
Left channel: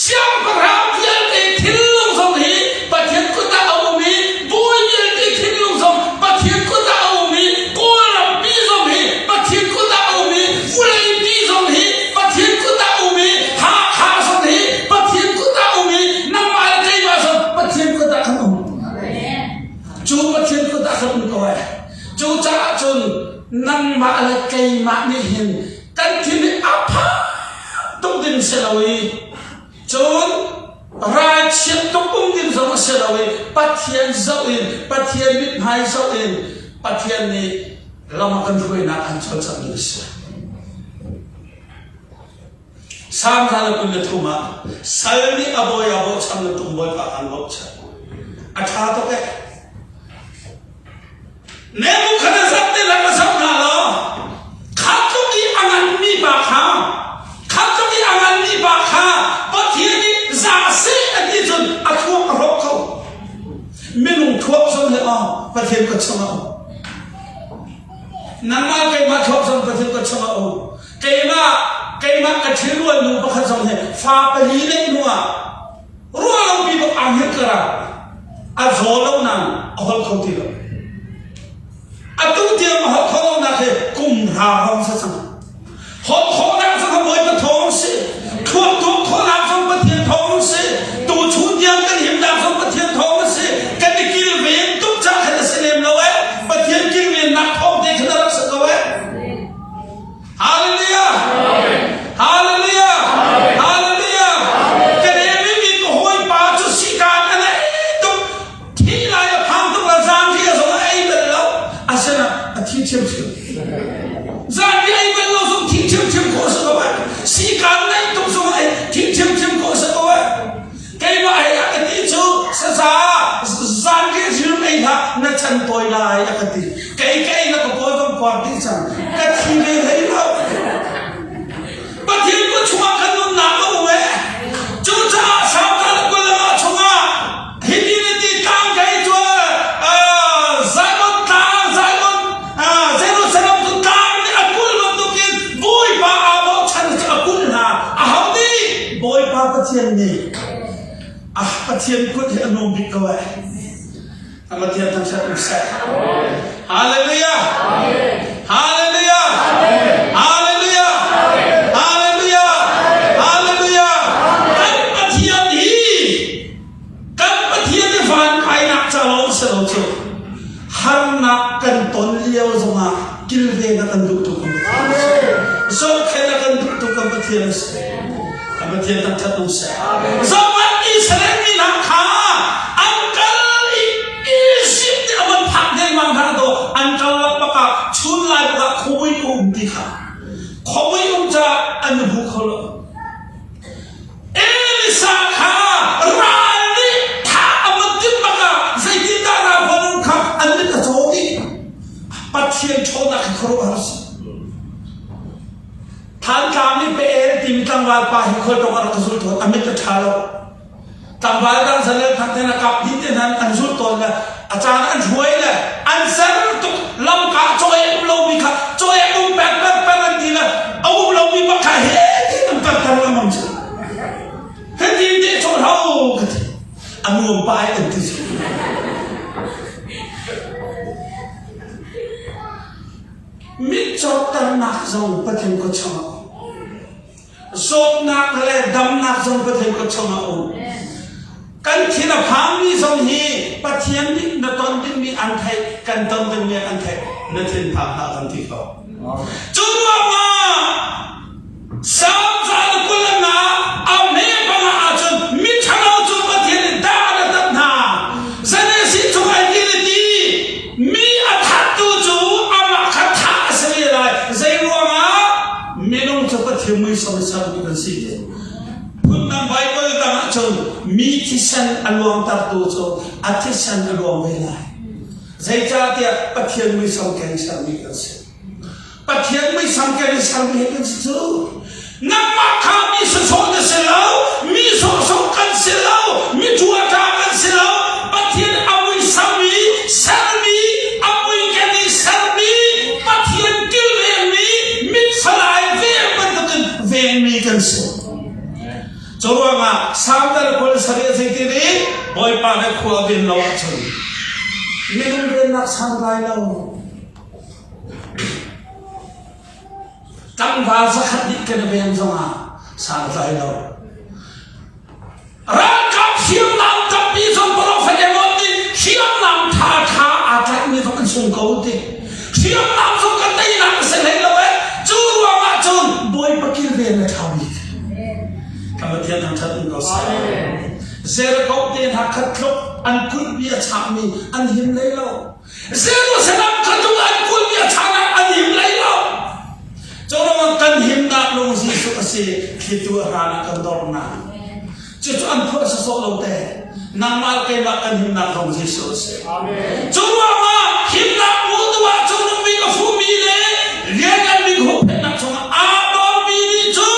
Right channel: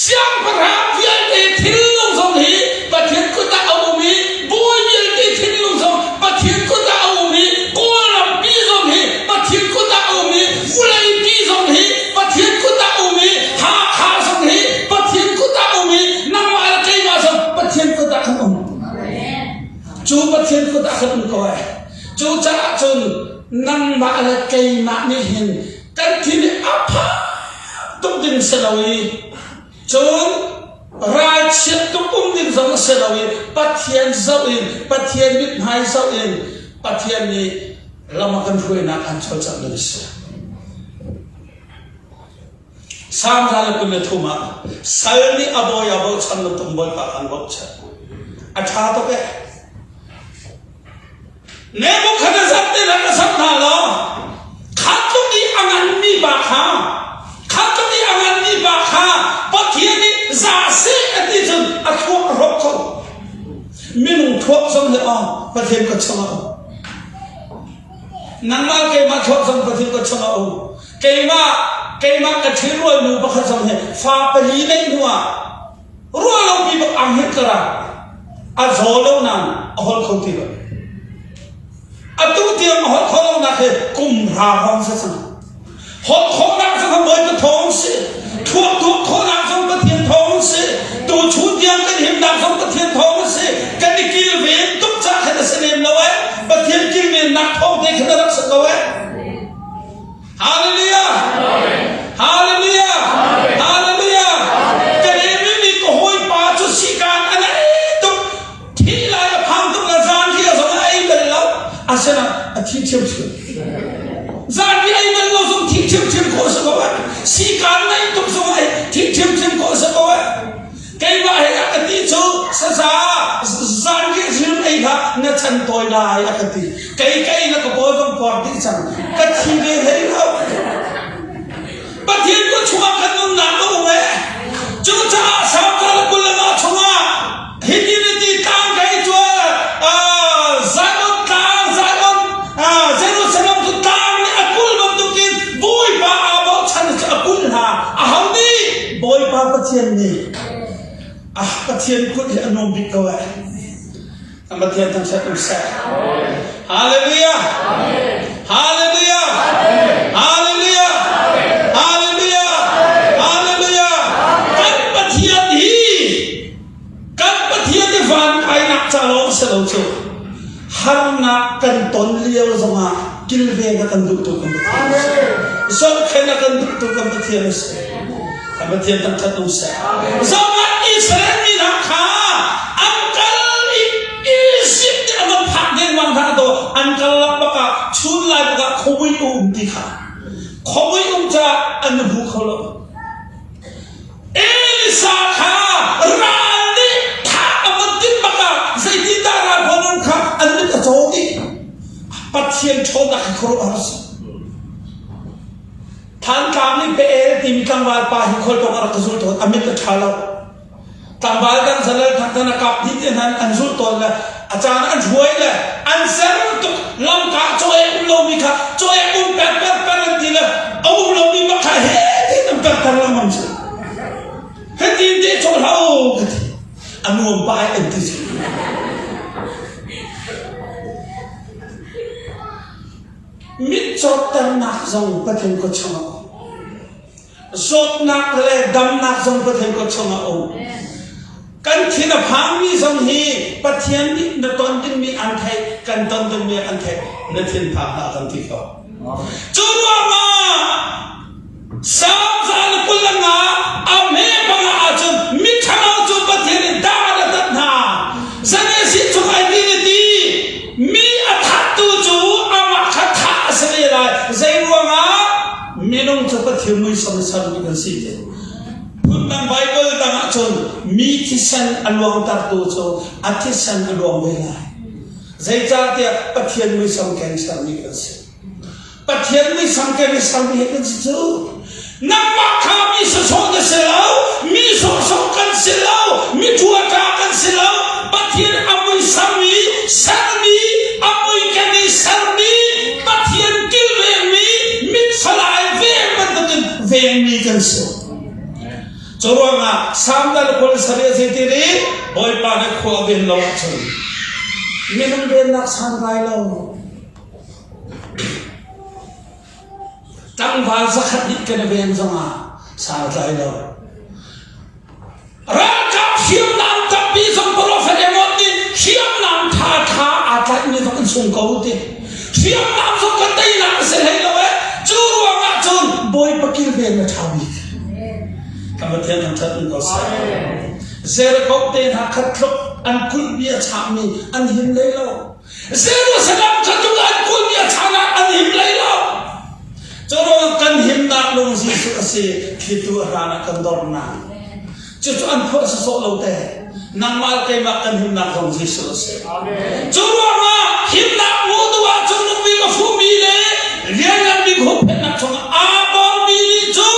siam param hian te thil long song hi pathian ku ta awmi boy hian te thil long song pathian ku ta awmi ko ram pi song hi pathian ku ta awmi fulai pi song hi อะไรเกยมานี่เห็นกันที่นี่อัพต้องดินเสลวีจนรายเชียต้องอุ้มดินสองเสลวีปัจเจียนเจ้าอินปัจเจียนมิตรหายเจ้าอินปัจเจียนนี้เรามากันช่วยนักอันชดจับเลยสิสามทางเป็นทุ่มสายนี้อบอยอบอฉันตุ้มบอยปากอันบกใช่อาชาตัวแกเนื้อมุขนันสัตย์ที่เราสัมผัสแล้วข้าต้องมีอันนั้นมีบาข้าข้าต้องมีอันนั้นมีบาข้าปะเทียนี่จ่าเสียอันนี้จนอัดทั่วรบเขาไม่นุ่งทั่วสมเลยอ่ะปะเทียนก็ชนะนั่นมาเกยมาทั่วสมปะเทียนก็ชนะเกยมากระชื้อรวยมือประคับสมเหตุฟ้าไปลีเล่นนัวรวยเราปีบอกอังเฮกระอาโซลงนั่นเอาหดคนที่ละอาตุ้งเตียมหดคนนั่นคือกุมราห้องสังหดคนนั่นสังเวยกระทงสิขวบตัวคนนั่นสังปะเทียนทองสิตัวชุดยังกันเห็นดำสังปะเทียนทองสิกันได้กินเวียนตุ้งจักให้เราเสนมเราเว้ปะเทียนกินเวียนนักทองได้ขนาดสักเว้ฮาเลลูยาฮาเลลูยาฮาเลลูยากันเองไม่มีก็ห้อยป่าจุดสิการอันนั้นตุ้งที่ไรพังตุ้งละจานที่ส่งไอ้เบลล์อาศัยอาทิตย์เชื่อมจานที่ไอ้เบลล์ส่งที่เชื่อมโคสกว่าสิการนั้นตุ้งส่งไอ้ที่เชื่อมโคสกว่าใครว่าไอ้อาทิตย์ชูสะสาจานที่เชื่อมไอ้ท่านั่นฉันตัวได้อาทิตย์ใครนั่นก็บอกต้องความที่ฉันก็ที่เลยให้เราปะเทียนก็ชัวกันมึงหนักก็บอกว่าจู่จ้าสาวกันแล้วก็เลยมาชัวฮิกินตีตามใครชัวใจบนตาใจบนเจ้ารู้สึกว่าตุตามนี่อากุลมันตุกินบุยป้าบอกฉันจะอากุลหาเขานี่บุยป้าปะเทียนนี่ปะเทียนกุดอนุบิกว่าปะเทียนทั้งชัดอุตสาหฮาเลลูยาฮาเลลูยาฮาเลลูยาharna kan ton liau sama kilve na kan duk tuk so khela kan duk tuk kan pathian tan thatu sa sama israel ni na kha angkal isip ni aman phak den mang tha do angkal la pa chun la ka khoi ti kha khoi cha an bu kholo elisa kha rali tha aman tin baka zai tin da ra bon kha an ni ka chodiปัจเจียนโชนักครูอาร์สทางการนี้เป็นทีมตั้งวาปาหิคนตรงอะไรก็สุดโต่งอเมริกาชาลตั้งวาตั้งเสนอทางธนาคารที่นั้นอันสุดโต่งเลยอาจารย์อันช่วยเลยอันเสนอตุลำกาช่วยลงมีค่ะช่วยอุ้มแปะดีเลยเอาอุ้มลงมีมาค่ะเฮ้ที่นั่นเป็นการละมั่งสิเฮ้ที่นี่ช่วยเขาอันนู้นไปอันที่มิจฉาตันนักจงประเทศก็ชนะโซนักเลยดำนักจงประเทศก็ชนะโอ้กันที่น่ะพังมีจงฮีประเทศนี้นตอนที่มีอันไทยกันตอนที่มีอันไทยนั่นเป็นพังนักกันที่เขาจู่ว่ามาสามจานกุลนาอเมริกาอาจจะมิจฉาเราจุประเทศนี้ด่าเราตัดหน้าเสนอสิ่งที่ไอ้กินดีมีอัฐตัวจู่ใจรัวมาไม่ต้องจะปฏิมือสอนสอนกันสิพุ่มนั้นไบเบิลตั้งจนมีที่ฉันอารมณ์ตัดตัวจนอาทิตย์ฉันอารมณ์เวลาใจจ้าเดียปฏิมือสอนกันสอนกันสิปฏิมือสอนกันสอนกันสิจูนักมาข้ามีสอนกันสิแล้วมีสอนกันสิแล้วมีจัวกันสิแล้วปฏิอามุยสามีสามีอามุยกันนี่สามีปฏิกิลสลายเวียนมันต้องเวียนมีกันสิจรวงอ่ะสามเดือนคนเสียใจที่นี่บอยปานให้ขวบเวียนเราจนไม่ต้องเวียนนักสังไรเราตั้งวาสักนิดกันเวียนจังอ่ะสังไรเรารักกับเสียงน้ำกับปีสมบูรณ์เฟเดมอติเสียงน้ำท่าอาจจะไม่ต้องส่งเขาติเสียงน้ำส่งกันได้หนักเสีย บอยปกิลเวนทำอีกคำว่าเทียนทำชัดมันก็ใส่เซรกอบเตนหักขัดครบอันคุลเบียชามีอันหิมเลยเราเซรุสลามขัดทุกอันคุลเบียชานาอันหิมเลยเราจนเรากันหิมนักลงสิสุขเสคิดตัวรานักกันดอร์นาจุดอันพูดสโซโลเตนางมาเกมากันหิมนักลงสิสุขเสจนเราว่าหิมนักมูตัวจนเราวิ่งฟูมีเลยเรียนกันวิ่งหุบเป็นนักจงอาบอลมีดิจู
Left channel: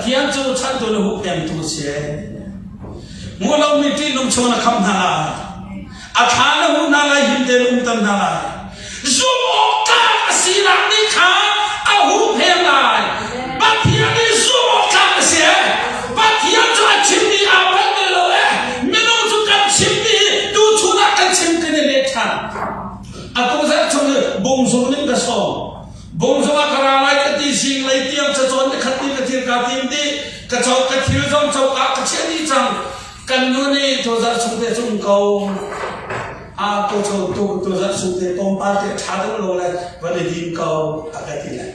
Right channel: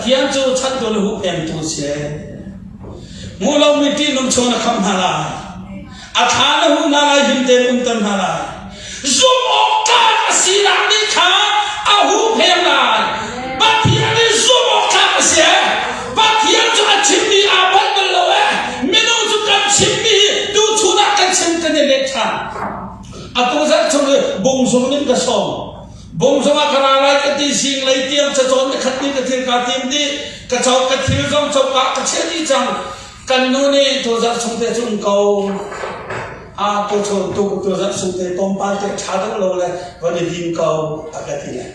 เทียนจูชัดตัวลูกเอ็มจูเสียมูลมิตรนุ่งชนคำนาลาอาฐานหูนาลายหิมเดลุนตันนาลาซุมอกกาสีนานิขาอาหูเพลนายบัดเทียนนี่ซุมอกกาเสียบัดเทียนจูชิมมีอาบังกันเลยมินุจูกันชิมมีดูชุนักกันชิมกันเล็กท่าอากูจะชมบงสมนิกระสอบบงสมากราไลกติสิงไลเตียมจะจนขัดนี้กระเทียมกระเทียมดีกระจอกกระเทียมจงจอกกระเทียมดีจังกันยูนี่ตัวจะสุดเด็ดจุ่มเกาตัวชนตัวจะสุดเด็ดปมปาเตชาดโลเลยวันนี้ดินเกาตะกี้เลย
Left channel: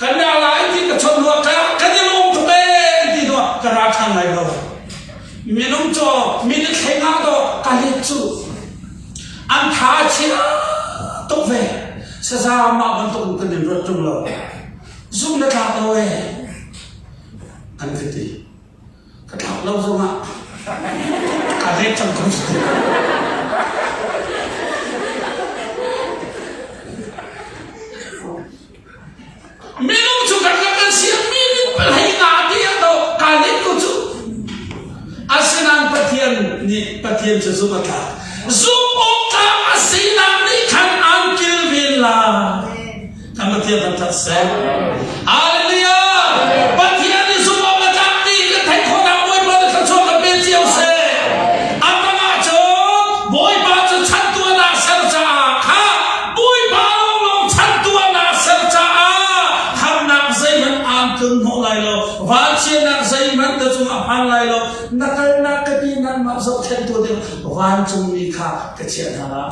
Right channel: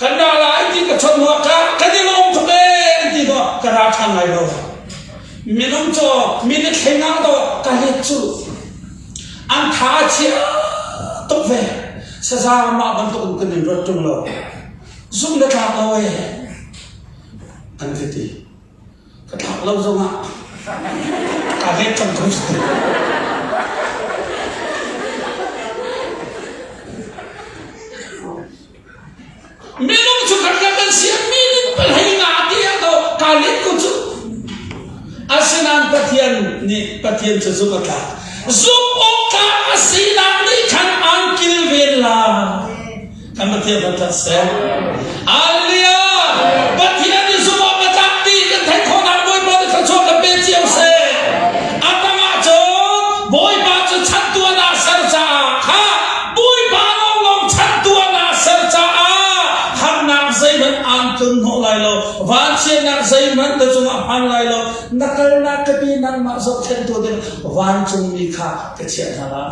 กันดาลายที่กระชนหัวกากันที่ลงทุเรศที่ตัวกระราชันไหลโลมีนุ่มจ่อมีเล็กแข็งน้ำตัวกันเล็กจู่อันท้าเชียตุเวสซามาบรรทุกกันในรถจุ่มโลซุ่มเล็กลาโลเออันที่กระถางเราส่งอ่ะการเล่นจำต้องสุดไม่รู้จุดกันเสียมีนี่เป็นให้งานที่เราการเล่นก็จุดอาศินันปะเทียนนี่ปะเทียนจะซุ่มกันซุ่มอกกาอาศินันนี่ขันอังกิลเวลาทำปะเทียนทำทัศน์อาเลลูยาปะเทียนนี่ซุ่มอกมาจากตีกันแทนของเราบอยบอลจะชอบกับเบเจียวเซอาตมาเจอบอยบอลจะชัดตัวนาเซลจ้าค่ะบอยบอลลงชัดตัวนาเซลจ้าคำนักใจยังอ่านถึงหัวไหลโลวันเชียนักใจมันจะจุ่มอ่านไหลโลนักนักปีนั้นมาสอบเช่นตัวเดียววันจุ่มมีค่ากระเชียร์นะ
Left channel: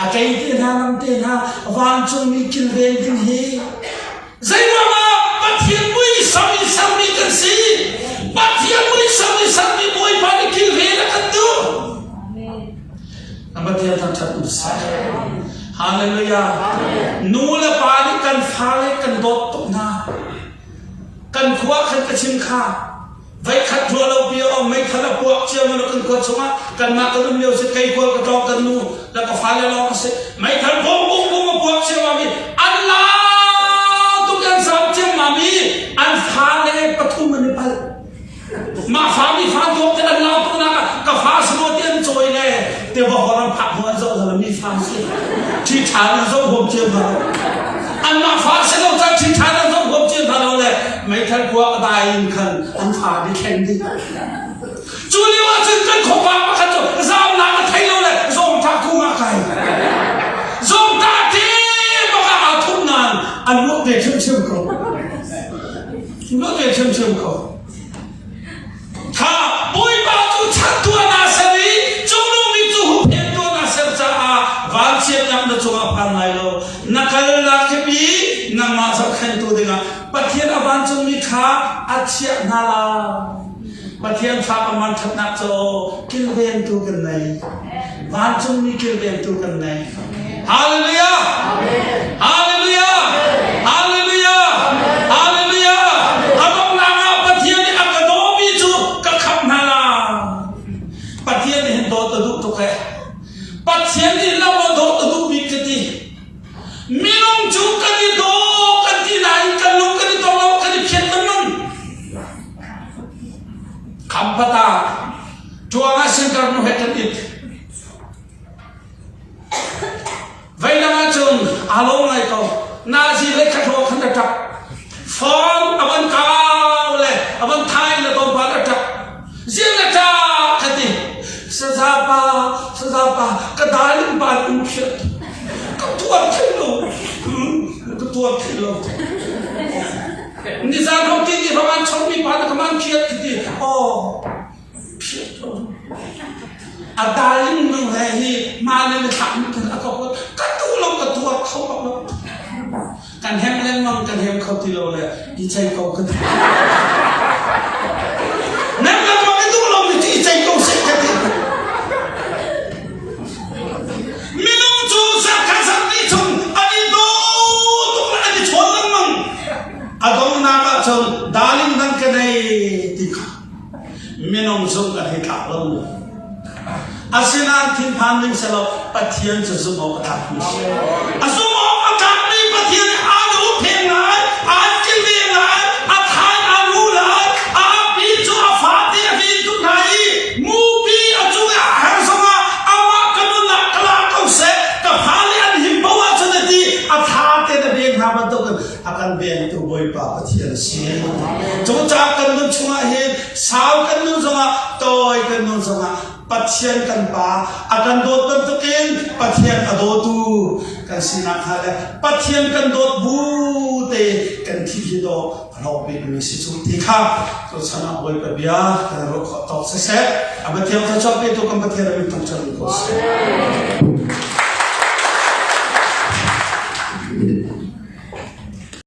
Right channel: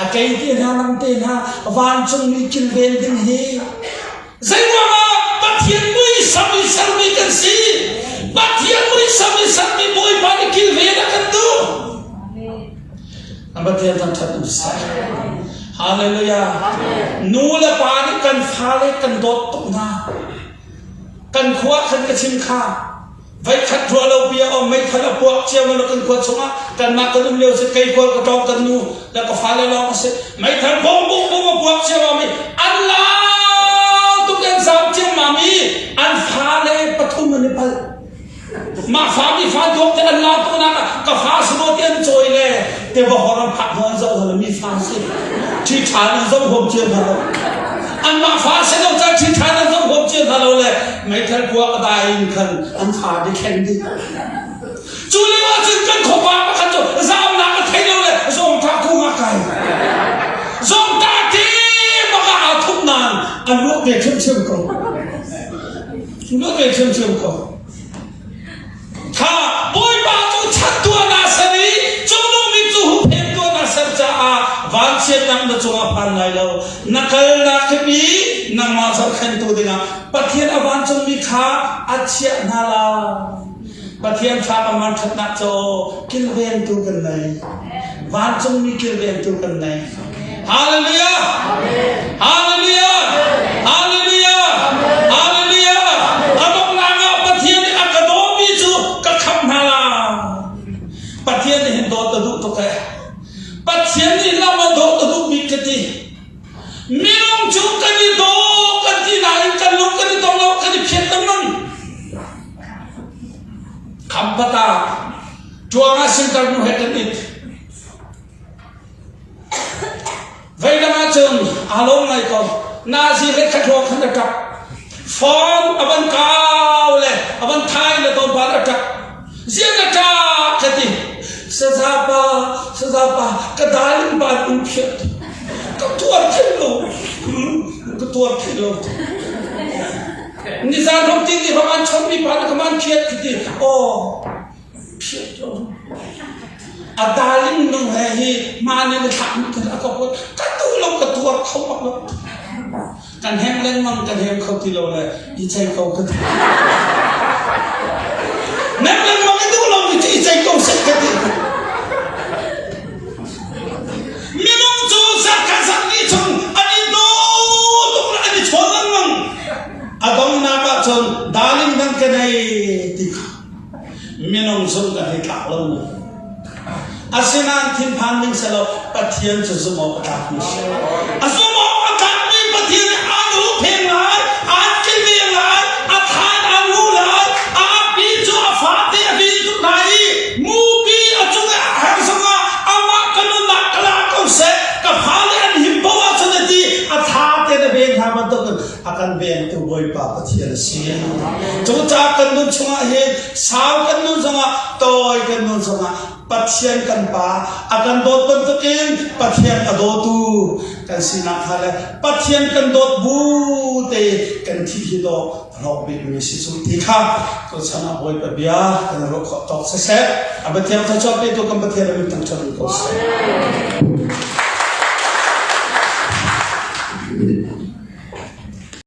อาเกยที่นั่นเต้นฮะวันจุ่มมีกินเวนดิ้งเฮใจว่าบัดเทียนมุ้ยสามีสามีกันสิบัดเทียนมุ้ยสามีสามีมุ้ยพาดิกินเวนกันดูบัดเทียนตั้งชัดอุตสาหฮาเลลูยานูละปาดิกันฟ้าเลยกันดดตุนากันขวากันกระชิมข้าไว้ขัดทัวเราเบียร์ไม่ขัดพวกเชื่อมันกันคนสงะกันมากันเลี้ยวสกายพวกกระตองกันนูแล้วก็ฟ้าเลยลองสิไม่ขัดพวกบุ้งบุ้งพวกเชื่อว่ามีอัลลาตุกันสามเชื่อมามีอันฟ้าเลยปฐุมมันไปมาฟ้ามีฟ้าโตกันอัลลาตัวนั้นก็ฟ้าสมุทรเย็นโจยเลยแต่ว่าพอเราผักหัวเจ้าเรามีฟ้าสิที่ชาเราเจ้าผมเชื่อเราอันมาฟ้าเชื่อเราจะที่ชาเราเจ้าผมเชื่อเราเลยไม่ทันกลัวก็ได้ยินคันอันฟ้าได้แข็งดีจุลีว่าจุดกันขบมาขันจุดสามน้ำไทยเราเลยส่งตาคู่มาไกลส่งตาที่มาเอาทุกนานอันลูกเด็กเชื่อมเขาลูกเด็กเชื่อมเขาข้าบุยบาจุชัดตัวนาเสรีจุลูมิจุหุเพนตัวนาเสรจ้าวันเชียนนำตัวพันไลโลนักลักบีนักมาสักขันตัวเดียวปะเทียนอวันจุมีขาอัจฉริยนาลาปะเทียนฟ้าประมาณทับนักโจกินเวนตัวกันไหนวันจุมีกินเวนตัวกันไหนฮาเลลูยาฮาเลลูยาฮาเลลูยาฮาเลลูยาอัลลอฮ์นาปะเทียนนี่อักโดมิจุกะคำนาลาปะเทียนนี่เห็นโดตะดุตุกะปะเทียนนี่เรามาโดตะดุมิกติมิลงจุกันนี่โดกันที่ไหนกันลุกกันที่ตรงเรากันที่เพียรกันนั่นคำปะตาจัวมาสิ่งกันมุ่งเหตุนิดเวลามาจนอารมณ์อะไรก็นาซีเล็กขะโถขันตะกับฟ้องอบันกาวเลยอบันไทยเลยตอนบาร์จับเสียงกระจายคดีสซาปากระดาษลิบานอุ้มเชิดก็ตัวขึ้นลงก็ตัวขึ้นลงนิสานของกินที่ประมาณชนมีปานประมาณเพียรคดีโอ้เพียรอาดาลิมนูเฮฮีมาในถามกันแล้วก็พูดกระตัวลงกระตัวเขาบอกว่าก กันแฮมเล่นมั่งกันแฮมเขาที่เราเลยอีใจเขากันนั่นยังไม่ดูเราไม่อีใจเขาเสร็จกันดิไม่ต้องจูสักกันสักนิดชนอันนี้ดูตรงนั้นจะชนแล้วมั่งอาดมนาบะชนดาลิงนั่นกันให้ติกาไม่ต้องชนกันให้กล่าวแล้วอาเซนันทิ้งพันลิงสลบปะเทียนจะสมองประทับมิสอาสมองประทับมิปะเทียนอารูเพลงหลายอากินเลียงหลายอาทายอารูหลายอาปีจูอาฟาเตียปีจุไหนมูปีอาจูอาขันสมาอามากันนุนักลาเขาเสกกับฮาลีอันหิมบัวชนดีอาทาเตนเบนฮามันตุกันอาการเบนตัวบอยปะปะเทียนเสียจูจากกันนุชมาเห็นสาวกันนุสมาตอยกันนุสมาปัจเจียนกันป่าอาการโดดเป็นตุกินปัจเจียนกันโดดตูกันสินะฮะเลยปัจเจียนกันโดดบูเตกันที่ฮิโดเราเป็นมิสิสุติค่ะตัวสนะไว้ปะเบียกันเราขอต่อเสร็จอาบัติยังจะชอบเป็นตัวกันปัจเจียนเราไม่ต้องชอบตัวเสร็จ